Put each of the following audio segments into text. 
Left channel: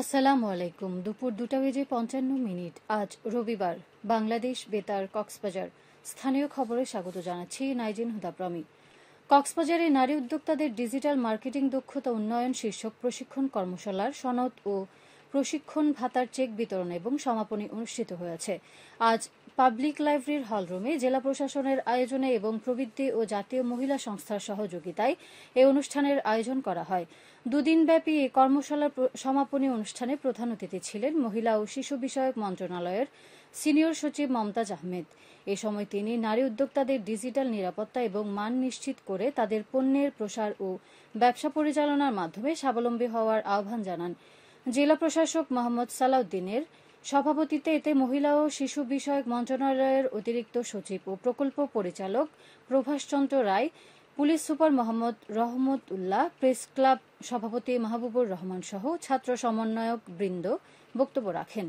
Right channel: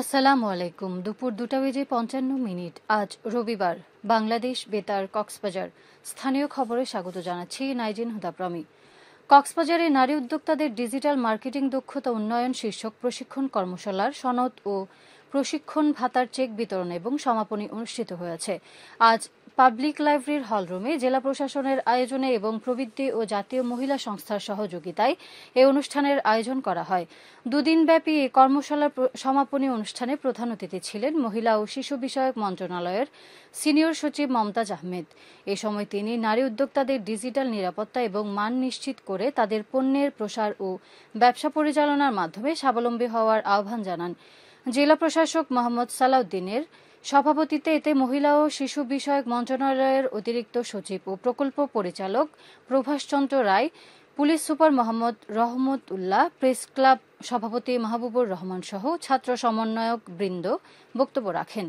আসসালামু আলাইকুম। দুপুর 2:55 আজ রবিবার। বাংলাদেশ বেতার কক্সবাজার স্থানীয় খবরে স্বাগত জানাচ্ছি নাইজিন হুদাপ্রমি। কক্সবাজারে নারী উদ্যোক্তাদের ডিজিটাল মার্কেটিং দক্ষতা উন্নয়ন শীর্ষক প্রশিক্ষণ কর্মশালার সনদ ও প্রশিক্ষণ ভাতার চেক বিতরণ এবং সমাপনী অনুষ্ঠিত হয়েছে। আজ পাবলিক লাইব্রেরির হলরুমে জেলা প্রশাসনের আয়োজনে এবং প্রবৃদ্ধি ও জাতীয় মহিলা সংস্থার সহযোগিতায় এ অনুষ্ঠানের আয়োজন করা হয়। দুদিনব্যাপী এই কর্মশালার সমাপনী অনুষ্ঠানে প্রধান অতিথি ছিলেন মহিলা ও শিশু বিষয়ক মন্ত্রণালয়ের সিনিয়র সচিব মমতাজ আহমেদ। এ সময় তিনি নারী উদ্যোক্তাদের ডিজিটাল নিরাপত্তা এবং মান নিশ্চিত করে তাদের পণ্যের প্রসার ও ব্যবসা পরিচালনার মাধ্যমে স্বাবলম্বী হওয়ার আহ্বান জানান। জেলা প্রশাসক মোহাম্মদ সালাউদ্দিনের সভাপতিত্বে এতে মহিলা ও শিশু বিষয়ক মন্ত্রণালয়ের অতিরিক্ত সচিব ও প্রকল্প পরিচালক প্রভাষচন্দ্র রায়, police super Mohammad Rahmat Ullah, press club সভাপতি মাহবুবুর রহমান সহ ছাত্র সমন্বয়ক বৃন্দ বক্তব্য রাখেন।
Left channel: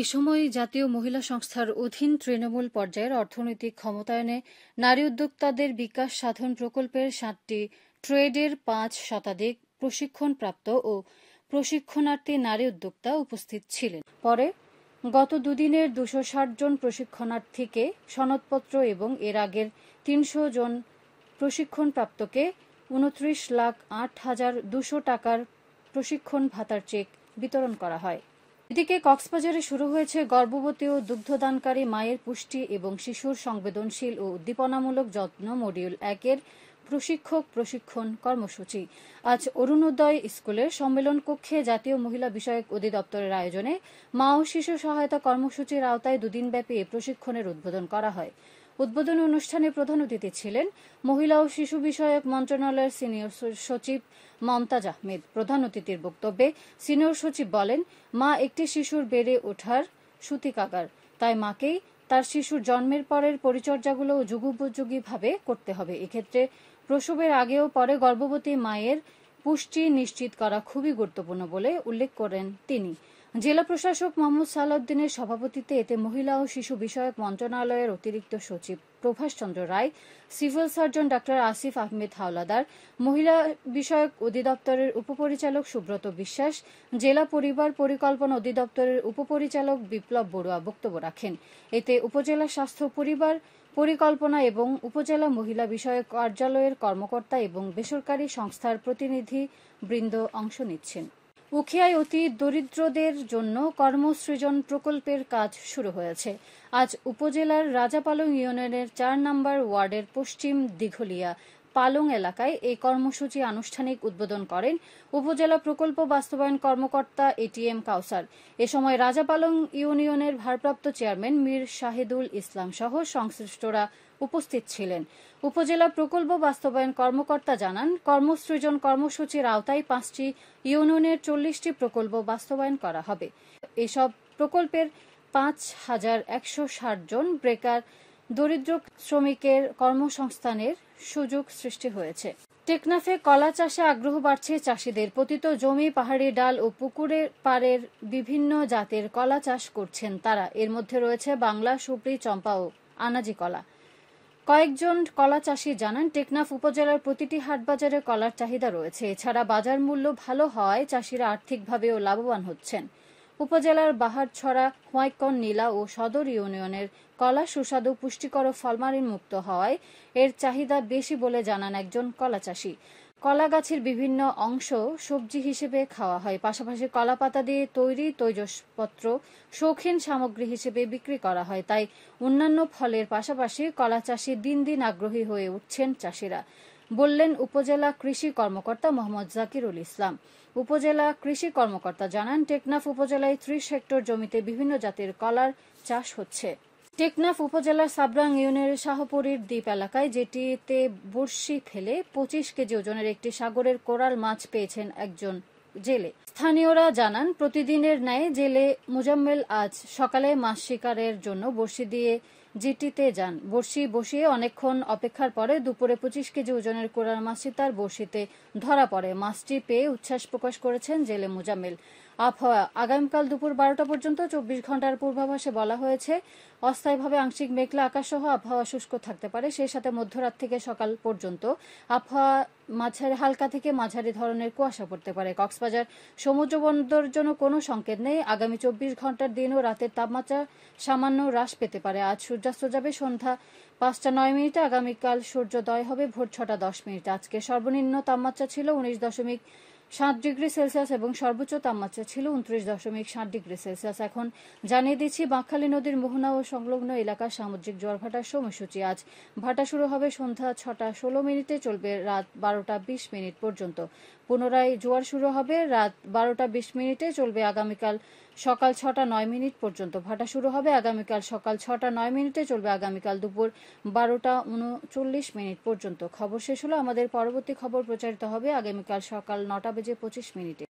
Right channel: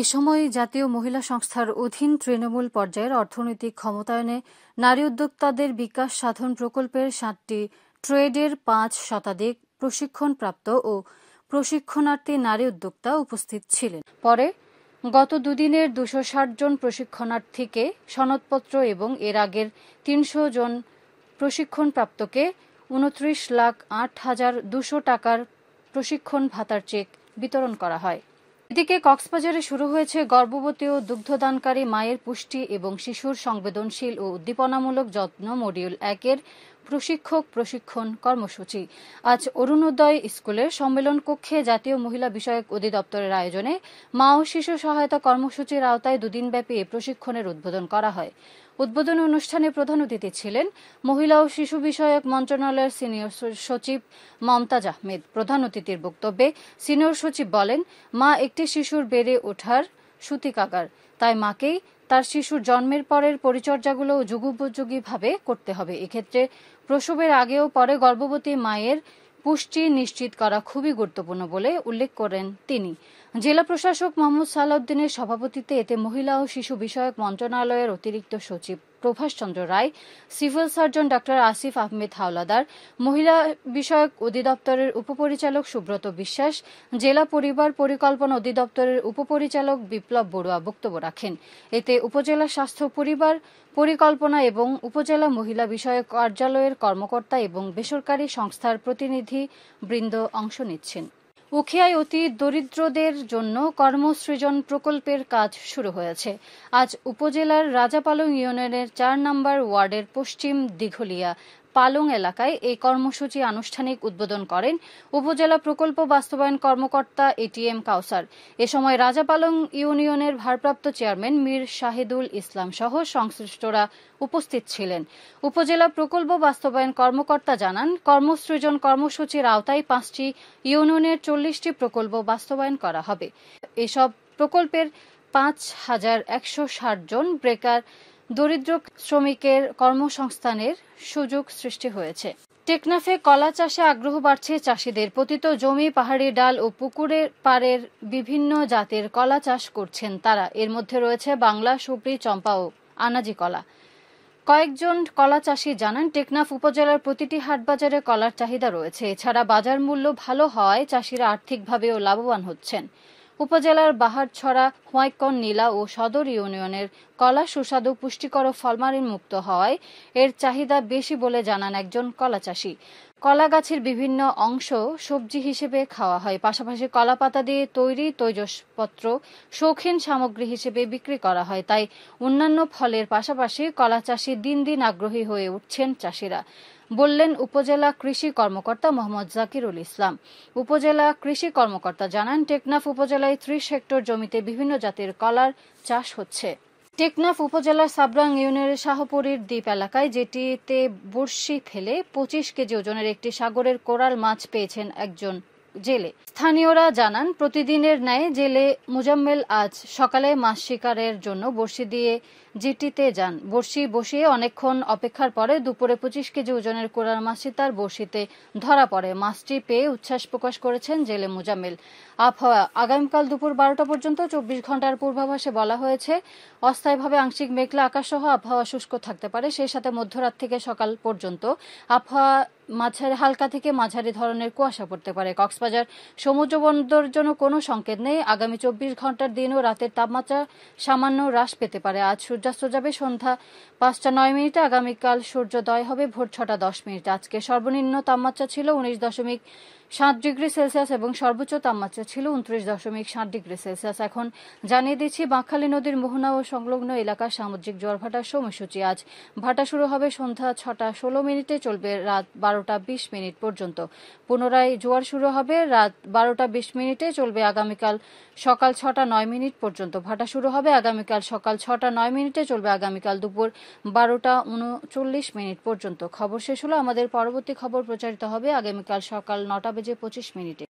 এ সময় জাতীয় মহিলা সংস্থার অধীন তৃণমূল পর্যায়ের অর্থনৈতিক ক্ষমতায়নে নারী উদ্যোক্তাদের বিকাশ সাধন প্রকল্পের 7টি ট্রেডের 5 শতাধিক প্রশিক্ষণপ্রাপ্ত ও প্রশিক্ষণার্থী নারী উদ্যোক্তা উপস্থিত ছিলেন। পরে গত দুদিনের 260 জন প্রশিক্ষণার্থীকে সনদপত্র এবং এর আগের 300 জন প্রশিক্ষণপ্রাপ্তকে 29,08,200 টাকার প্রশিক্ষণ ভাতার চেক বিতরণ করা হয়। এদিকে কক্সবাজারে শুরু হয়েছে গর্ভবতী ও দুগ্ধদানকারী মায়ের পুষ্টি এবং শিশুর সংবেদনশীল ও উদ্দীপনামূলক যত্ন মডিউল 1-এর প্রশিক্ষণ কর্মসূচি। আজ অরুণোদয় স্কুলের সম্মেলন কক্ষে জাতীয় মহিলা বিষয়ক অধিদপ্তরের আয়োজনে মা ও শিশু সহায়তা কর্মসূচির আওতায় দুদিনব্যাপী এ প্রশিক্ষণের উদ্বোধন করা হয়। উদ্বোধনী অনুষ্ঠানে প্রধান অতিথি ছিলেন মহিলা ও শিশু বিষয়ক মন্ত্রণালয়ের সিনিয়র সচিব মমতাজ আহমেদ। প্রধান অতিথির বক্তব্যে সিনিয়র সচিব বলেন, মা একটি শিশুর বেড়ে ওঠার সূতিকাগার, তাই মাকেই তার শিশুর জন্মের পরের পরিচর্যাগুলো যুগোপযোগীভাবে করতে হবে। এক্ষেত্রে প্রসবের আগে ও পরে গর্ভবতী মায়ের পুষ্টি নিশ্চিত করা খুবই গুরুত্বপূর্ণ বলে উল্লেখ করেন তিনি। জেলা প্রশাসক মোহাম্মদ সালাউদ্দিনের সভাপতিত্বে এতে মহিলা ও শিশু বিষয়ক মন্ত্রণালয়ের অতিরিক্ত সচিব Prabhashchandra Roy, civil surgeon doctor Asif Ahmed Howlader, মহিলা বিষয়ক অধিদপ্তরের উপপরিচালক সুব্রত বিশ্বাস, জেলা পরিবার পরিকল্পনা অধিদপ্তরের উপপরিচালক বিপ্লব বড়ুয়া বক্তব্য রাখেন। এতে উপজেলা স্বাস্থ্য পরিবার পরিকল্পনা এবং উপজেলা মহিলা বিষয়ক কার্যালয়ের কর্মকর্তা এবং বেসরকারি সংস্থার প্রতিনিধি বৃন্দ অংশ নিচ্ছেন। উখিয়ায় অতি দরিদ্রদের জন্য কর্মসৃজন প্রকল্পের কাজ শুরু হয়েছে। আজ উপজেলার রাজাপালং ইউনিয়নের 4 নম্বর ওয়ার্ডের পশ্চিম দিঘলিয়া পালং এলাকায় এই কর্মসূচি আনুষ্ঠানিক উদ্বোধন করেন উপজেলা প্রকল্প বাস্তবায়ন কর্মকর্তা এটিএম কাউসার। এ সময় রাজাপালং ইউনিয়নের ভারপ্রাপ্ত চেয়ারম্যান মীর শাহিদুল ইসলাম সহ সংশ্লিষ্টরা উপস্থিত ছিলেন। উপজেলা প্রকল্প বাস্তবায়ন কর্মকর্তা জানান, কর্মসৃজন কর্মসূচির আওতায় 5টি ইউনিয়নের 40টি প্রকল্প বাস্তবায়ন করা হবে। এসব প্রকল্পের 5,160 জন বেকার দরিদ্র শ্রমিকের কর্মসংস্থানের সুযোগ সৃষ্টি হয়েছে। টেকনাফে কলা চাষে আগ্রহ বাড়ছে চাষিদের। পতিত জমি, পাহাড়ি ডাল ও পুকুরের পাড়ের বিভিন্ন জাতের কলা চাষ করছেন তারা। এর মধ্যে রয়েছে বাংলা, সুপ্রি, চম্পা ও আনাজি কলা। কয়েকজন কলা চাষি জানান, টেকনাফ উপজেলার প্রতিটি হাটবাজারে কলার চাহিদা রয়েছে। এছাড়া বাজার মূল্য ভালো হওয়ায় চাষিরা আর্থিকভাবেও লাভবান হচ্ছেন। উপজেলার বাহারছড়া, হোয়াইকন, নীলা ও সদর ইউনিয়নের কলা সুস্বাদু, পুষ্টিকর ও ফলমারিন মুক্ত হওয়ায় এর চাহিদা বেশি বলে জানান একজন কলা চাষি। কলা গাছের বিভিন্ন অংশ সবজি হিসেবে খাওয়া হয়, পাশাপাশি কলা পাতা দিয়ে তৈরি তৈজসপত্র শৌখিন সামগ্রী হিসেবে বিক্রি করা হয়। তাই অন্যান্য ফলের পাশাপাশি কলা চাষে দিন দিন আগ্রহী হয়ে উঠছেন চাষিরা, বললেন উপজেলা কৃষি কর্মকর্তা মোহাম্মদ জাকিরুল ইসলাম। উপজেলা কৃষি কর্মকর্তা জানান, টেকনাফ উপজেলায় 30 হেক্টর জমিতে বিভিন্ন জাতের কলার চাষ হচ্ছে। টেকনাফ উপজেলার সাবরাং ইউনিয়নের শাহপুরীর দ্বীপ এলাকায় যেটিতে বড়শি ফেলে 25 কেজি ওজনের একটি সাগরের কোরাল মাছ পেয়েছেন একজন জেলে। স্থানীয়রা জানান, প্রতিদিনের ন্যায় জেলে মুজাম্মেল আজ সকালে মাছ শিকারের জন্য বড়শি দিয়ে জেটিতে যান। বড়শি বসিয়ে অনেকক্ষণ অপেক্ষার পরে দুপুরে 25 কেজি ওজনের কোরাল মাছটি তার বড়শিতে ধরা পড়ে। মাছটি পেয়ে উচ্ছ্বাস প্রকাশ করেছেন জেলে মুজাম্মেল। আবহাওয়া, আগামীকাল দুপুর 12টা পর্যন্ত 24 ঘন্টার পূর্বাভাসে বলা হয়েছে, অস্থায়ীভাবে আংশিক মেঘলা আকাশ সহ আবহাওয়া শুষ্ক থাকতে পারে। সেই সাথে মধ্যরাত থেকে সকাল পর্যন্ত আবহাওয়া হালকা থেকে মাঝারি ধরনের কুয়াশা পড়তে পারে। কক্সবাজার সমুদ্র বন্দরের জন্য কোনো সংকেত নেই। আগামী 24 ঘন্টার দিন ও রাতের তাপমাত্রা সামান্য হ্রাস পেতে পারে। আজ সূর্যাস্ত যাবে সন্ধ্যা 5টা 9 মিনিটে। আগামীকাল সূর্যোদয় হবে ভোর 6টা 10 মিনিটে। আজকে সর্বনিম্ন তাপমাত্রা ছিল 19.7 ডিগ্রি সেলসিয়াস এবং সর্বোচ্চ তাপমাত্রা ছিল 29.7 ডিগ্রি সেলসিয়াস। এখন জানিয়ে দিচ্ছি বাঁকখালী নদীর মোহনা ও সংলগ্ন এলাকার সামুদ্রিক জোয়ার ভাটার সময়সূচি। আজ ভাটা শুরু হবে সন্ধ্যা 6টা 16 মিনিটে, চলবে রাত 12টা 20 মিনিট পর্যন্ত। পুনরায় জোয়ার শুরু হবে রাত 12টা 20 মিনিটে, চলবে আগামীকাল সকাল 6টা 9 মিনিট পর্যন্ত। ভাটা শুরু হবে আগামীকাল সকাল 6টা 9 মিনিটে, চলবে আগামীকাল দুপুর 12টা 39 মিনিট পর্যন্ত। খবর শেষ হলো। আমাদের পরবর্তী খবর প্রচারিত হবে আগামীকাল সকাল 9টা বেজে 25 মিনিটে।